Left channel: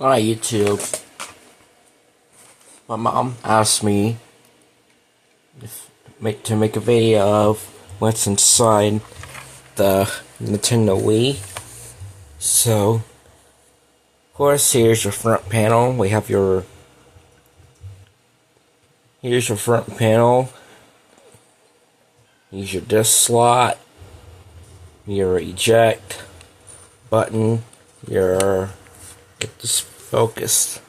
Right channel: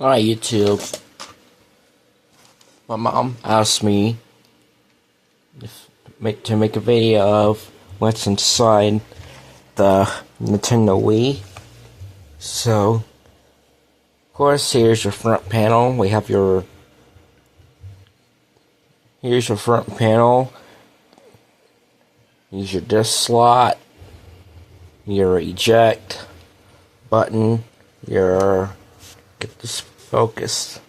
Alright, YouTube. My mom asked me to make a video of what's inside the Nintendo Wii. So, of course, here's your front panel. Here's your front panel. Here's your disc slot, your eject button, get this focused.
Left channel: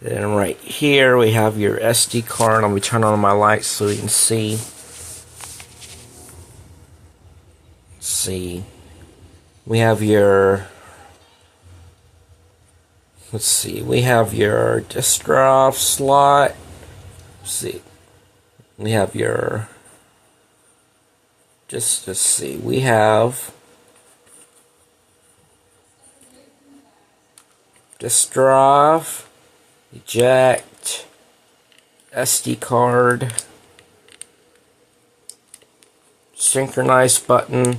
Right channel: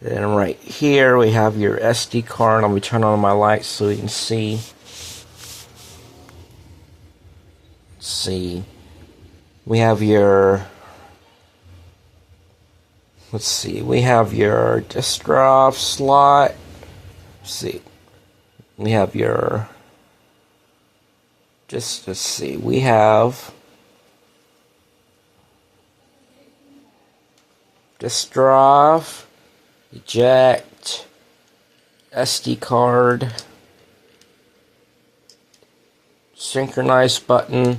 And right here we have your SD card. Let me turn on my lights so you can see. Let's see. We have your we have your disk drive slot. Let's see. We have your let's see. We have disk drive, eject, SD card, synchronize button,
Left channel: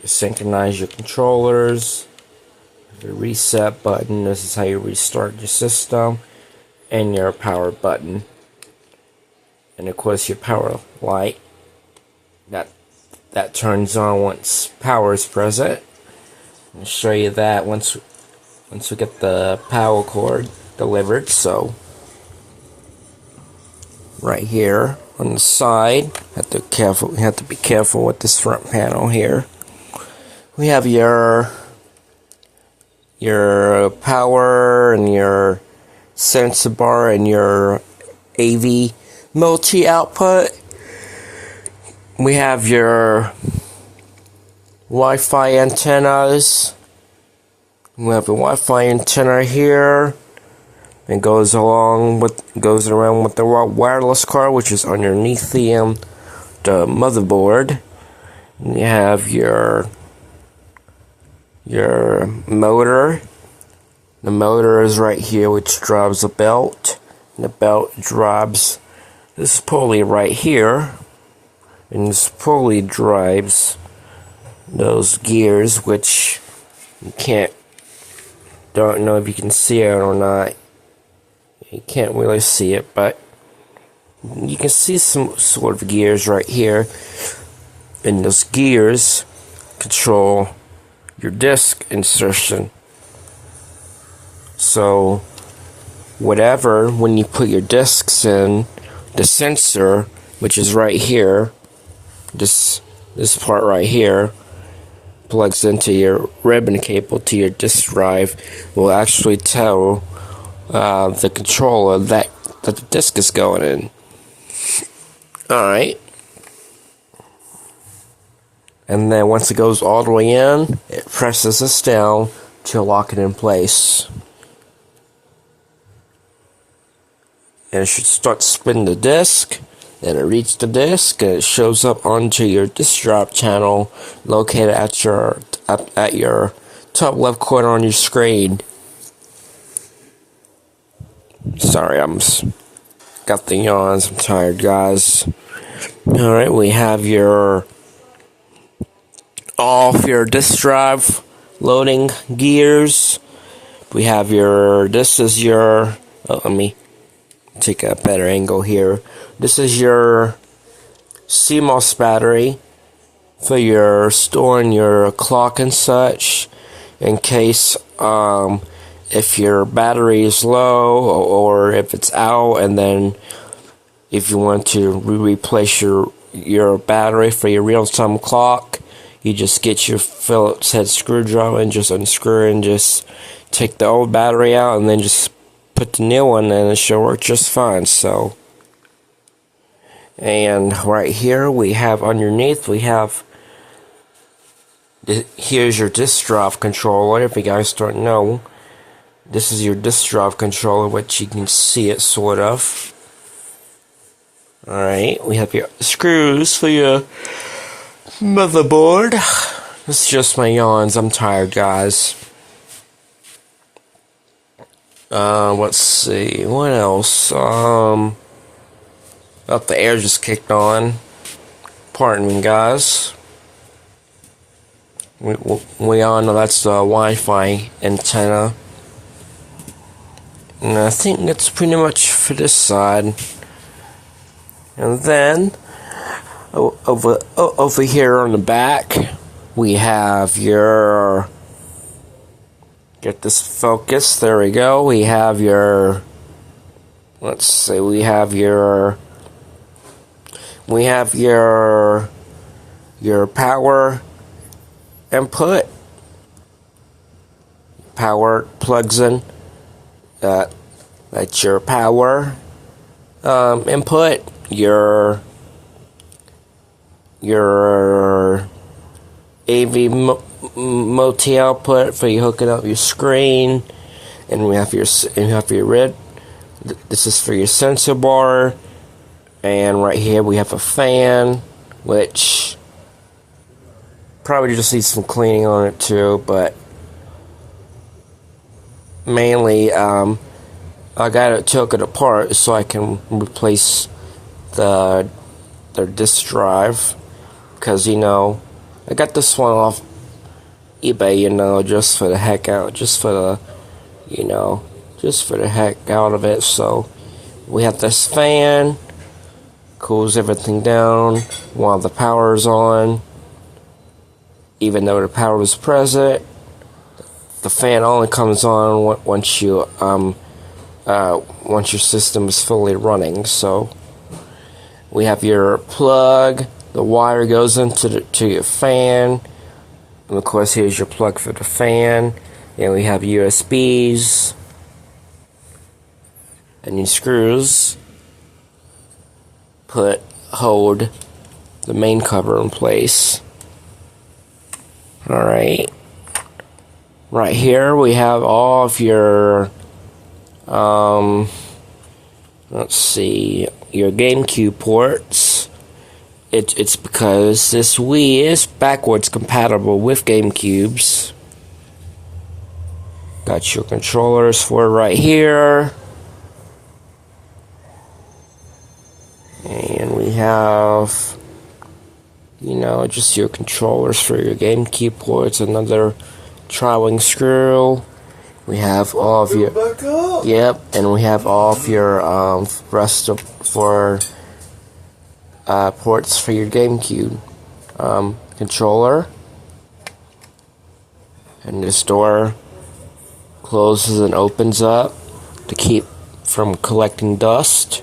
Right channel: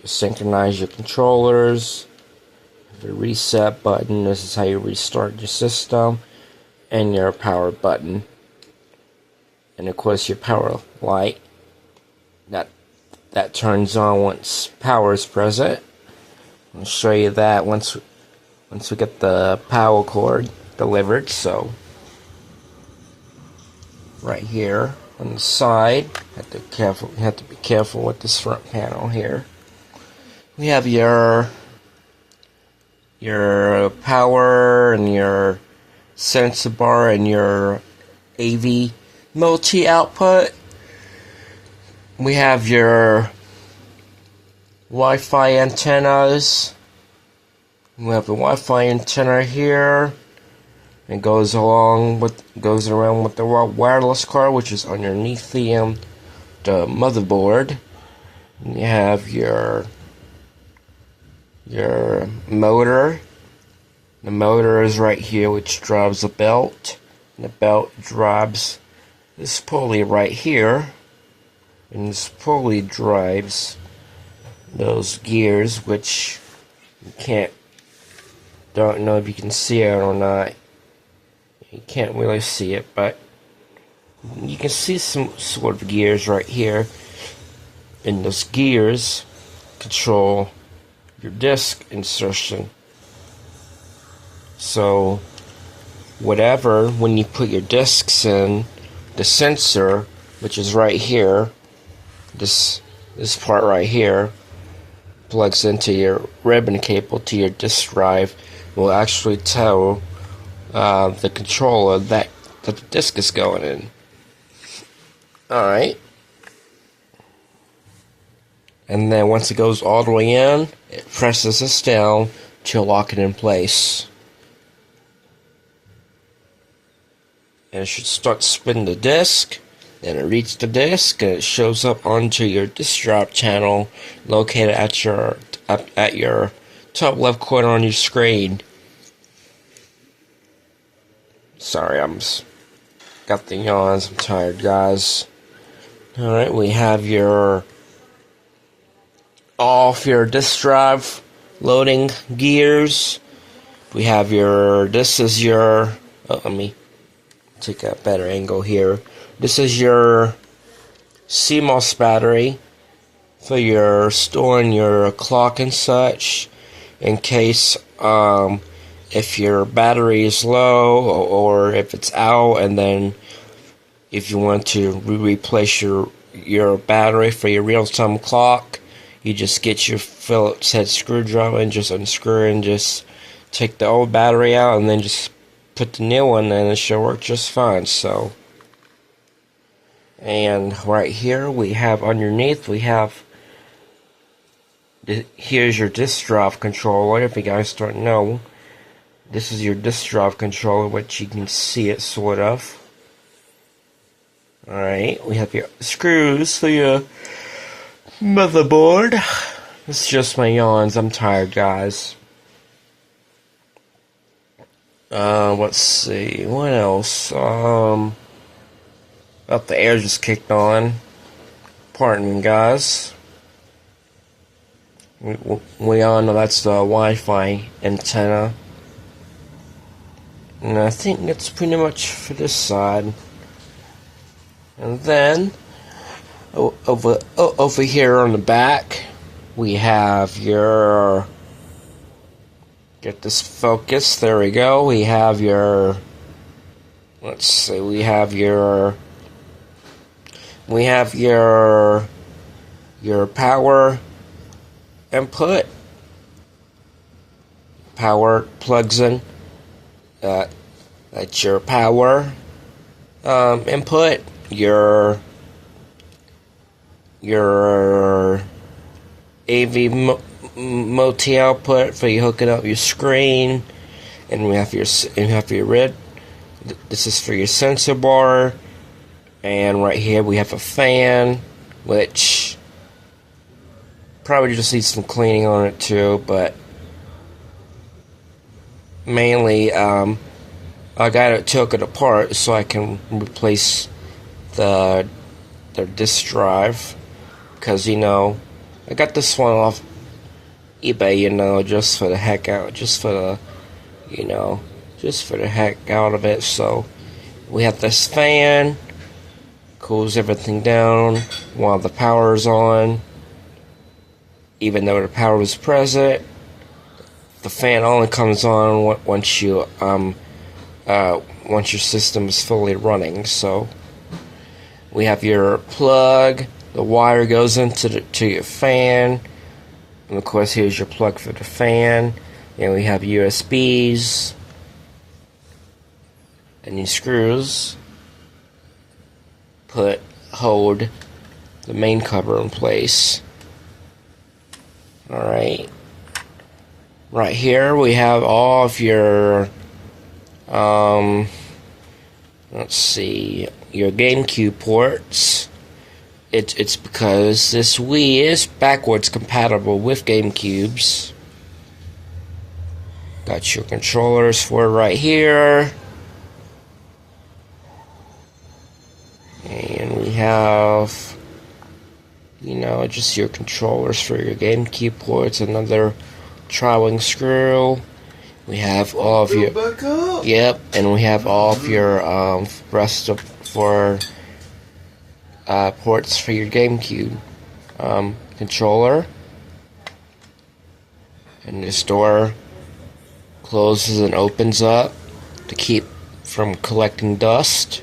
you synchronize your controllers, the reset button, this is how you restart your system, and your power button, and of course your power light that turns on once power is present. I'll show you that once we get the power cord delivered. So right here on the side, have to be careful with this front panel here. We have your power and your sensor bar and your AV multi output. We have your Wi-Fi antennas. We have a Wi-Fi antenna here. It goes around with the wireless card, which is underneath the motherboard. And you have your motor. The motor is right here, which drives a belt. And the belt drives this pulley right here. And this pulley drives those gears, which you don't know if you can see it or not. You can't really see it, but you can see some sort of gears right here. And those gears control your disc insertion. So when you put your discs in, the sensor, which is right here, this part right here, plugs into your ribbon cable to your disk drive, will actually tell the controller that the disk is going in. Alright. And then once it goes all the way in, it presses this down to lock it in place. And it should start spinning the disk. Then it reads the disk and it shows up onto your disk drive channel located at your top left corner on your screen. Sorry, got the yawns. I'm tired, guys. Alright, we have your disk drive loading gears. We have this is your, let me take a better angle here. This is your CMOS battery for your storing your clock and such, in case if your battery is low or if it's out, and then if you want to replace your battery for your real-time clock, you just get your Phillips head screwdriver and just unscrew it and just take the old battery out and then just put the new one in and it should work just fine. So, and right here we have underneath, here's your disk drive controller. If you guys don't know, this is your disk drive controller, which you can see it sort of. Alright, we have your screws for your motherboard. This is just my yawns. I'm tired, guys. Let's see, what else? The air just kicked on. Pardon me, guys. We all know that's the Wi-Fi antenna. And I think that's pretty much for this side. And then over here on the back, we have your, get this focus, there we go. We have your, let's see, we have your power input. Power plugs in. That's your power input. Your AV multi output for you hooking up your screen, and we have your red. This is for your sensor bar, and right here we have a fan, which probably just needs some cleaning on it too, but mainly I took it apart so I can replace the disk drive, because I got this one off eBay, just for the heck out, just for the heck out of it. So we have this fan, cools everything down while the power is on, even though the power is present. The fan only comes on once your system is fully running. So we have your plug. The wire goes into your fan, and of course here's your plug for the fan. And we have USBs and these screws hold the main cover in place. All right. Right here we have all of your let's see, your GameCube ports. It's because this Wii is backwards compatible with GameCubes. Got your controllers for it right here. And we have just your controllers for your GameCube ports, another traveling screw. We have all of your and we have all of your rest of ports for your GameCube controller. And this door closes and opens up to keep from collecting dust.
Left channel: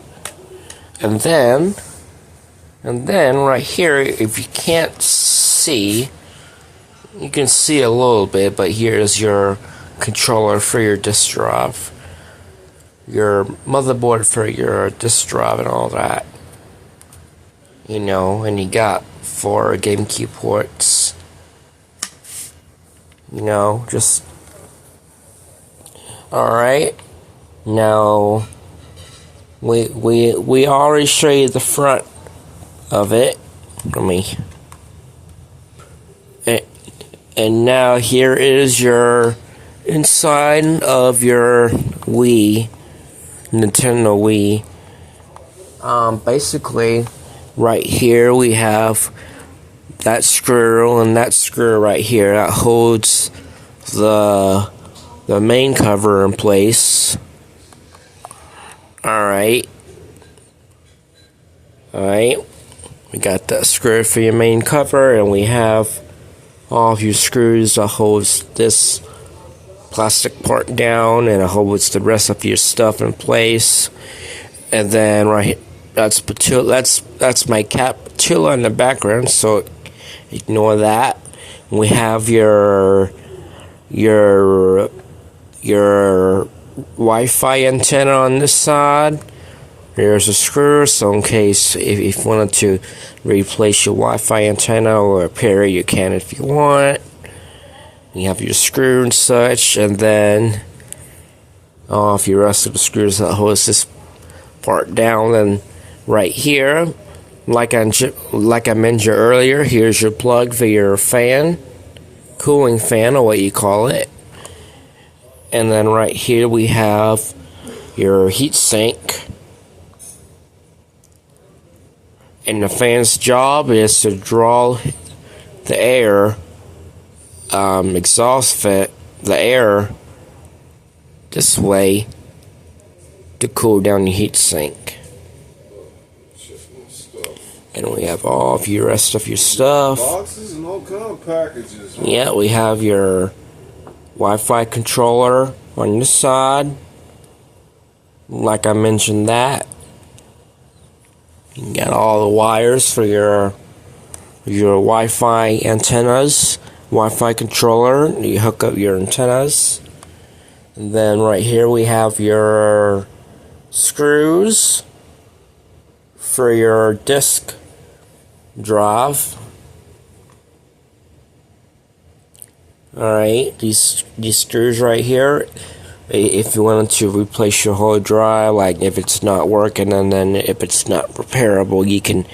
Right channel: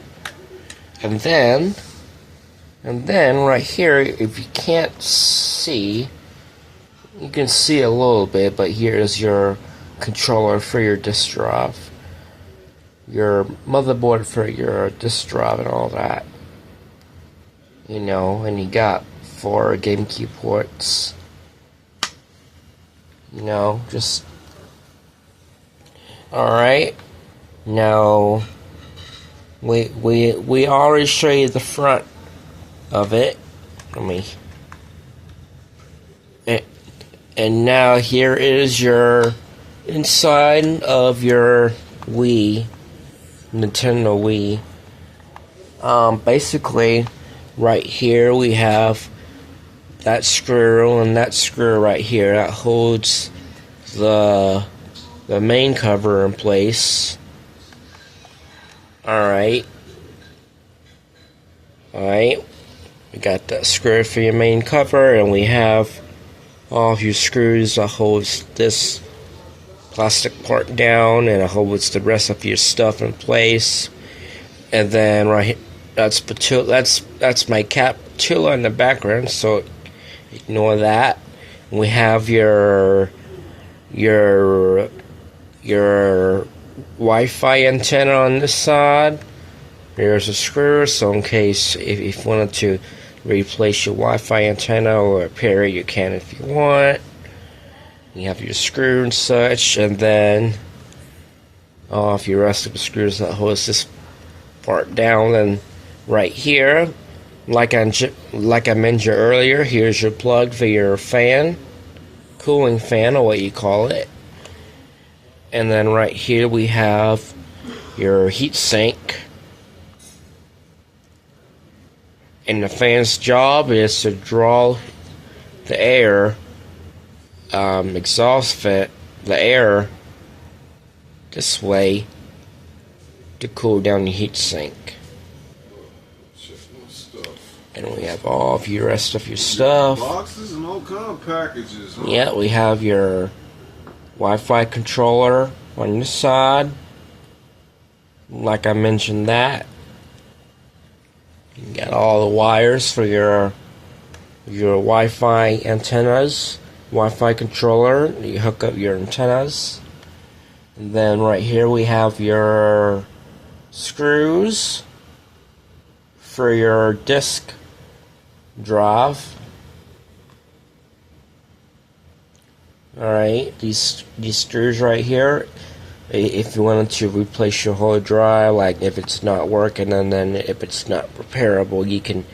And then right here, if you can't see, you can see a little bit, but here is your controller for your disk drive, your motherboard for your disk drive and all that. And you got 4 GameCube ports. Just alright. Now we already showed you the front of it. And now here is your inside of your Wii, Nintendo Wii. Basically, right here we have that screw and that screw right here that holds the main cover in place. Alright. We got that screw for your main cover, and we have all of your screws that holds this plastic part down, and it holds the rest of your stuff in place. And then that's my cat Patula in the background, so ignore that. We have your Wi-Fi antenna on this side. There's a screw, so in case if you wanted to replace your Wi-Fi antenna or repair it, you can if you want. You have your screw and such, and then all of your rest of the screws that holds this part down. And right here, like I mentioned earlier, here's your plug for your fan, cooling fan, or what you call it. And then right here we have your heat sink. And the fan's job is to draw the air, exhaust the air this way to cool down your heatsink. And we have all of your rest of your stuff. Boxes and all kind of packages. Huh? Yeah, we have your Wi-Fi controller on your side. Like I mentioned that. You got all the wires for your Wi-Fi antennas, Wi-Fi controller. You hook up your antennas. And then right here we have your screws for your disk drive. Alright, these screws right here, if you wanted to replace your whole drive, like if it's not working and then if it's not repairable, you can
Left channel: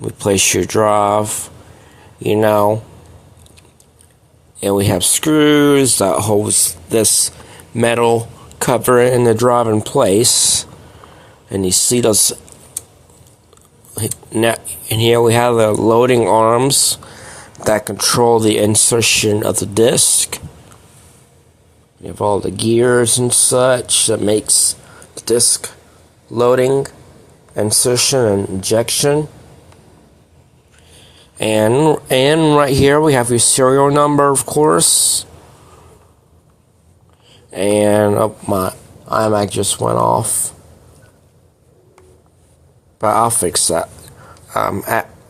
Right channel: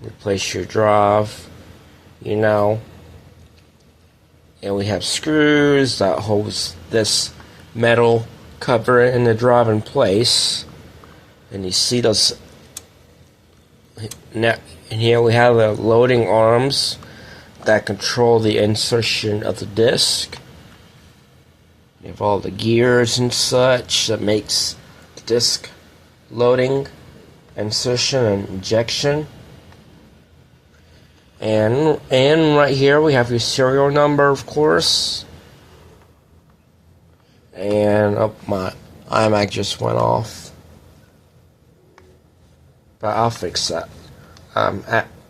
replace your drive, you know. And we have screws that holds this metal cover in the drive in place. And you see those. Now, and here we have the loading arms that control the insertion of the disc. You have all the gears and such that makes the disc loading, insertion, and injection. And right here we have your serial number, of course. And my iMac just went off. But I'll fix that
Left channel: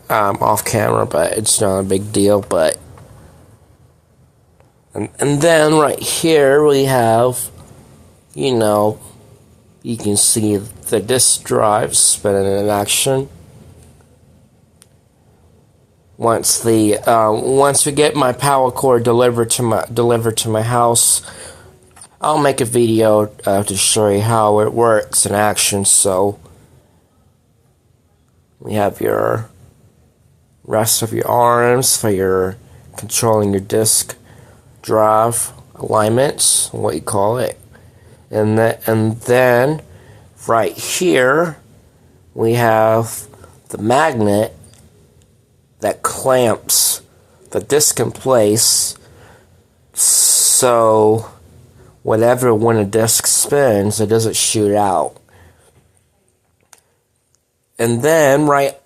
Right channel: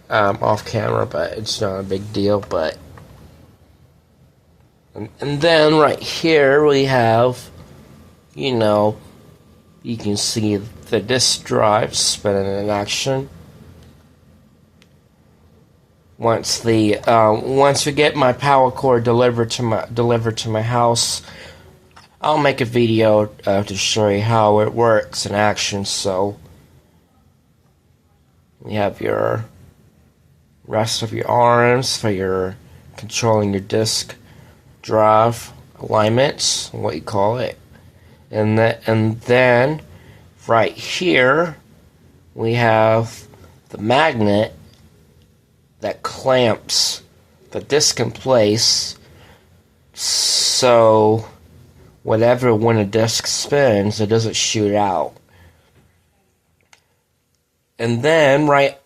off camera, but it's not a big deal. But and then right here we have, you know, you can see the disk drive spinning in action. Once we get my power cord delivered to my house, I'll make a video to show you how it works in action. So we have your rest of your arms for your controlling your disk drive alignments, what you call it, and then right here we have the magnet that clamps the disc in place, so when a disc spins, it doesn't shoot out. And then right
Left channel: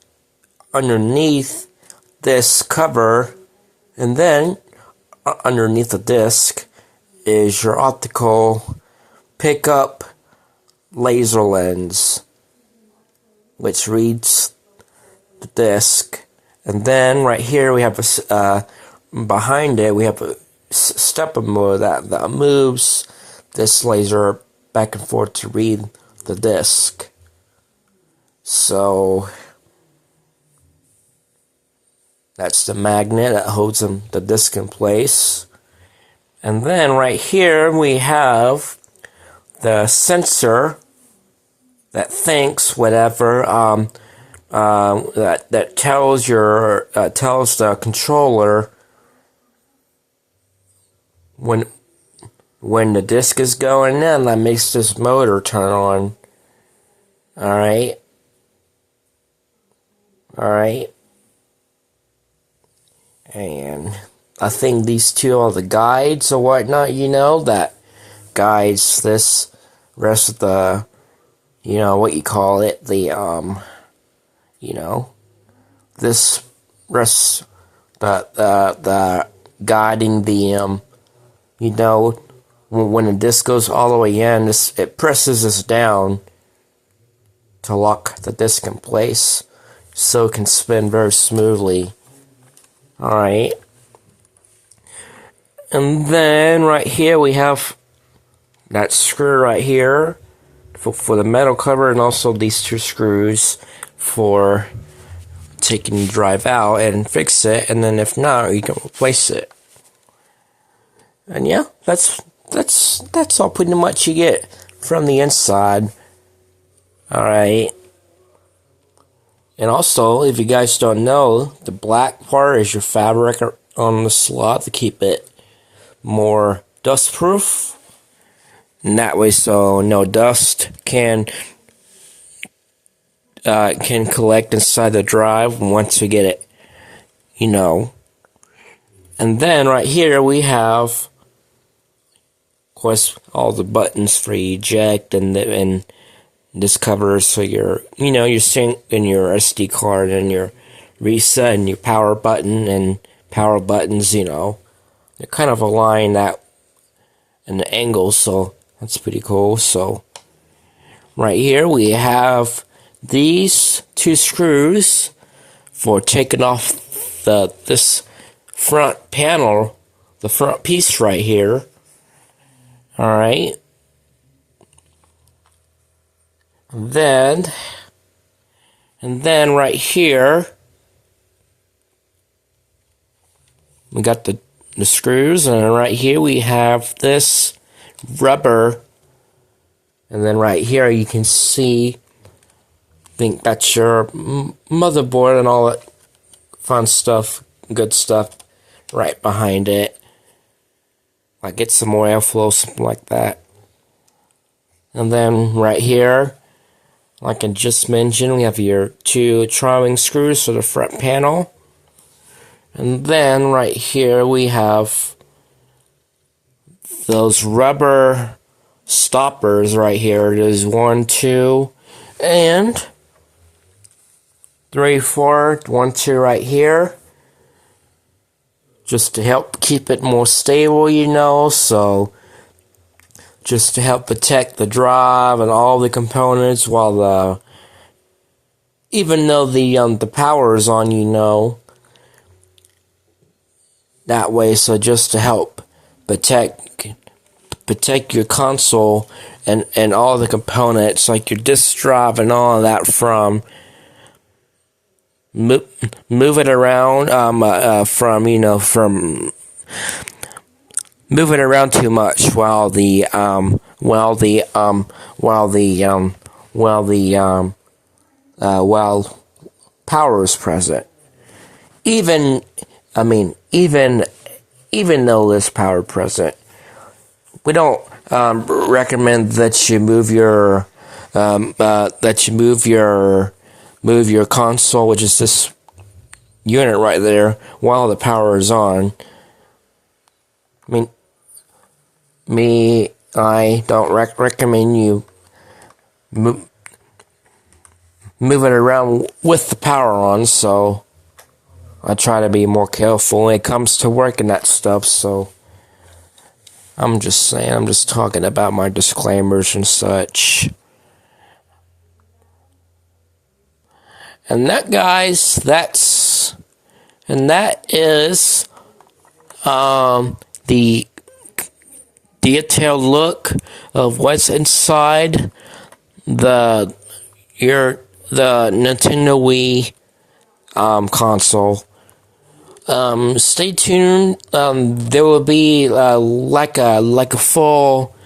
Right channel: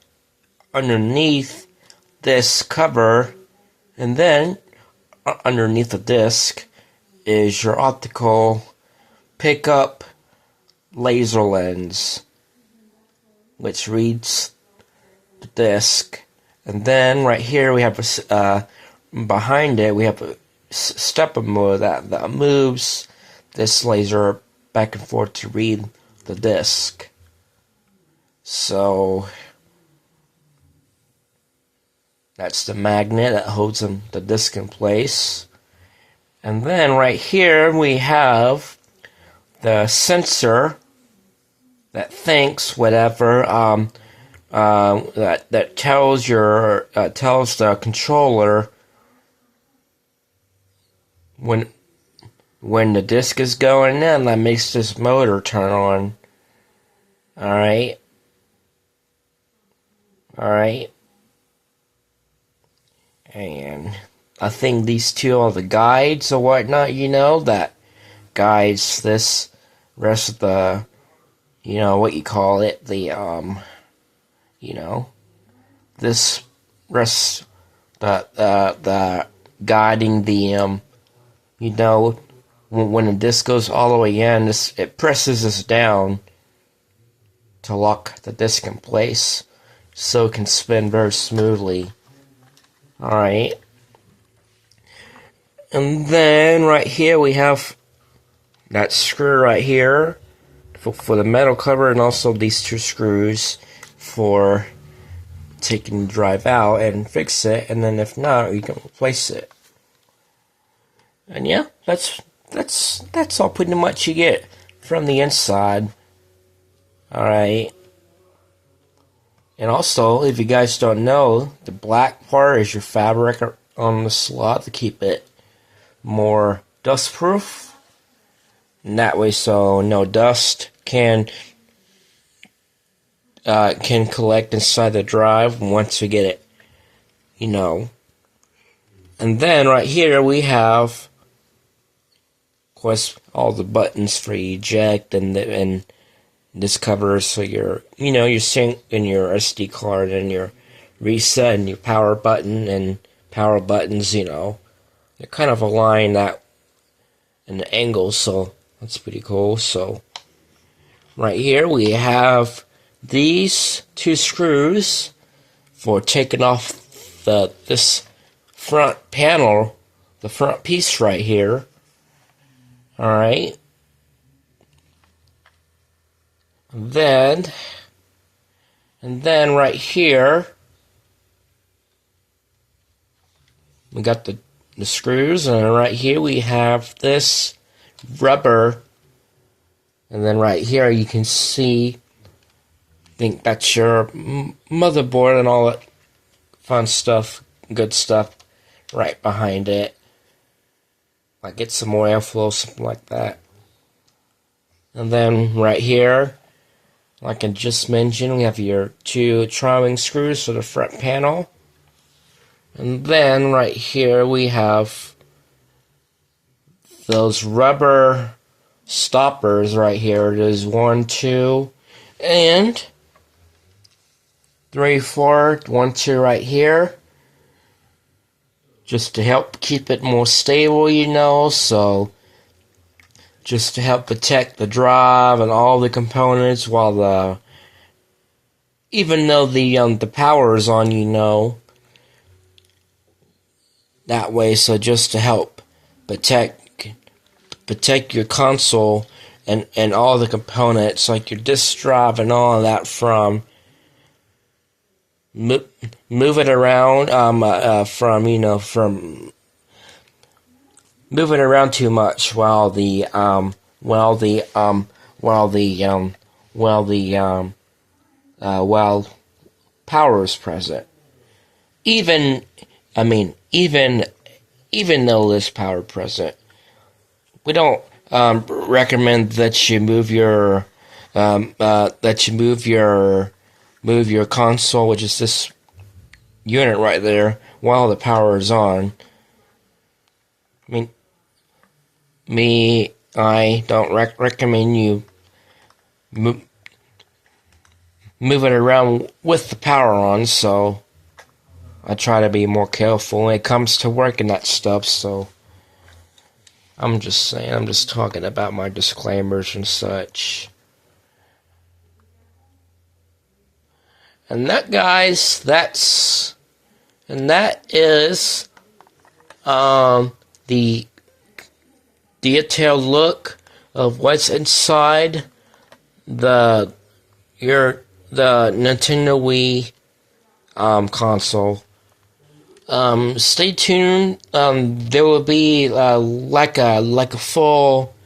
underneath this cover, and then underneath the disc, is your optical pickup laser lens, which reads the disc. And then right here we have behind it we have a stepper motor that moves this laser back and forth to read the disc. So that's the magnet that holds the disc in place. And then right here we have the sensor that thinks whatever that tells the controller when the disc is going in, that makes this motor turn on. Alright. And I think these two are the guides or whatnot, you know, that guides this rest of the, you know, what you call it, the, you know, this rest, the guiding the, you know, when the disc goes all the way in, it presses this down to lock the disc in place so it can spin very smoothly. Alright. And then right here we have that screw right here for the metal cover, and also these two screws for taking the drive out and fix it, and then if not, you can replace it. And yeah, that's all pretty much you get from the inside. Alright. And also, if you guys don't know, the black part is your fabric on the slot to keep it more dust proof. And that way, so no dust can collect inside the drive once we get it, you know. And then right here we have course, all the buttons for eject and this covers so your sync and your SD card and your reset and your power button and power buttons. They kind of align that in the angle, so that's pretty cool. So right here we have these two screws for taking off this front panel, the front piece right here. Alright. And then right here we got the screws, and right here we have this rubber, and then right here you can see, I think that's your motherboard and all that fun stuff, good stuff right behind it. I get some more airflow, something like that. And then right here, like I just mentioned, we have your two tri-wing screws for the front panel. And then right here we have those rubber stoppers right here. There's 1, 2, and 3, 4. 1, 2 right here. Just to help keep it more stable, so just to help protect the drive and all the components while even though the power is on, that way, so just to help protect your console and all the components like your disk drive and all of that from move it around from moving around too much while power is present. Even though there's power present, we don't recommend that you move your move your console, which is this unit right there, while the power is on. I don't recommend you move it around with the power on, so I try to be more careful when it comes to working that stuff. So I'm just saying, I'm just talking about my disclaimers and such. And that, guys, that is the detailed look of what's inside the Nintendo Wii console. Stay tuned. There will be like a full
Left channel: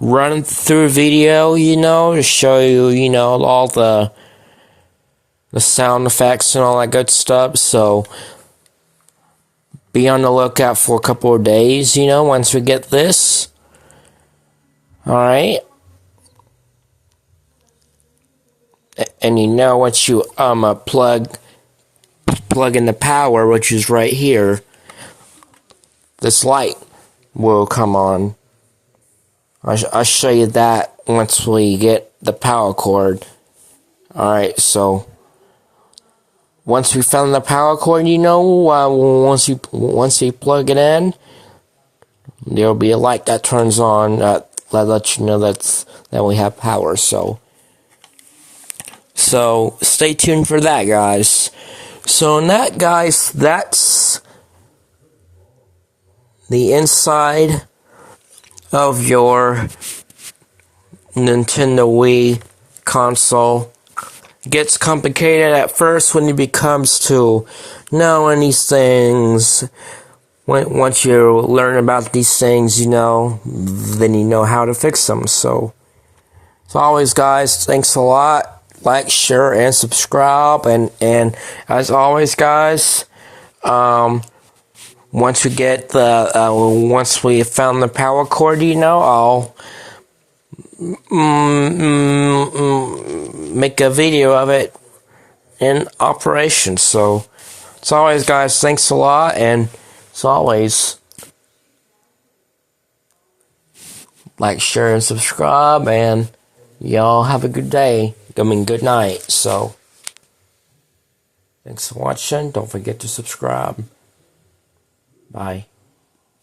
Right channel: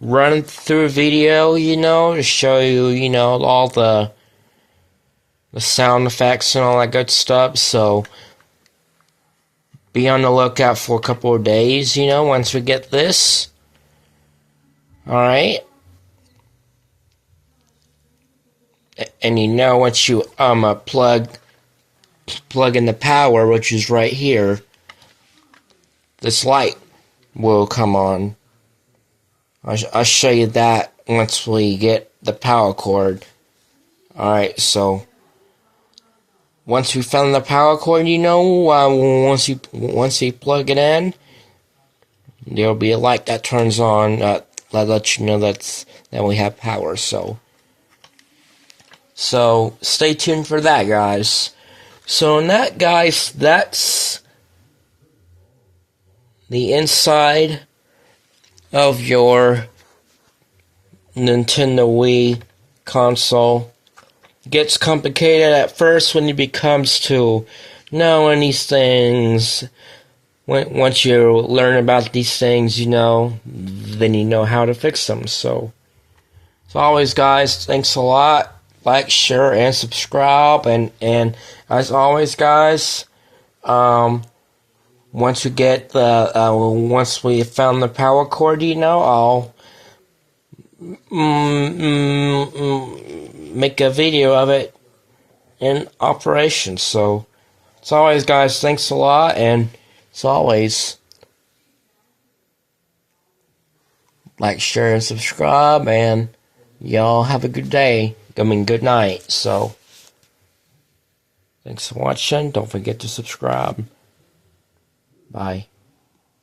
run through video, to show you, all the sound effects and all that good stuff. So be on the lookout for a couple of days, once we get this. Alright. And once you plug in the power, which is right here, this light will come on. I'll show you that once we get the power cord. Alright, so once we found the power cord, once you plug it in, there'll be a light that turns on that lets you know that we have power. So stay tuned for that, guys. So in that, guys, that's the inside of your Nintendo Wii console. Gets complicated at first when it becomes to knowing these things. Once you learn about these things, then you know how to fix them. So, as always, guys, thanks a lot. Like, share, and subscribe. And as always, guys, once we get once we found the power cord, I'll make a video of it in operation. So, as always, guys, thanks a lot, and as always, like, share, and subscribe, and y'all have a good day. I mean, good night. So, thanks for watching. Don't forget to subscribe. Bye.